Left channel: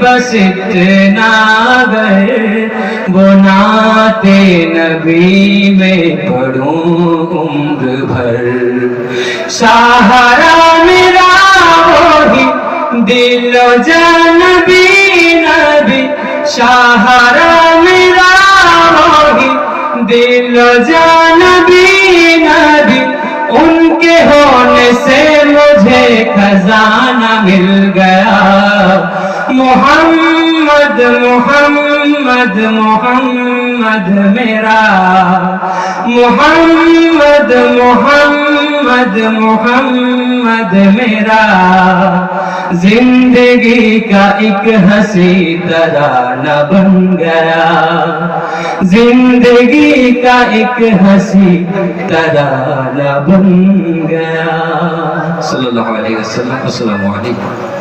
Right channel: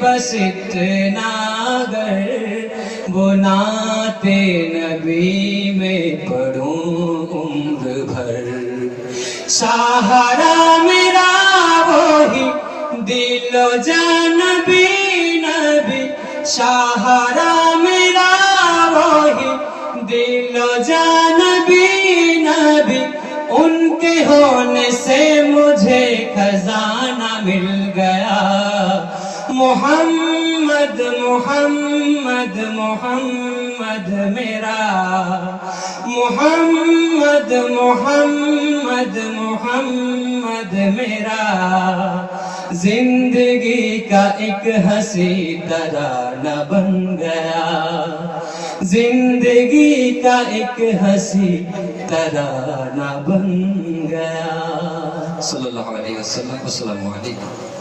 بس اتنا گر وہ نعت نبی میں پڑھوں عمر بھر سہارا میرا وہی دل و جان بھی نبی سہارا میرا وہی دل و جان بھی نبی ان کے ہونے سے مجھے خزانہ مل گیا محمد محمد محمد میرا محمد محمد محمد میرا زندگی کا ایک ہنسی ترانہ بن گیا زندگی کا ایک ہنسی ترانہ بن گیا صلی اللہ علیہ وسلم السلام علیکم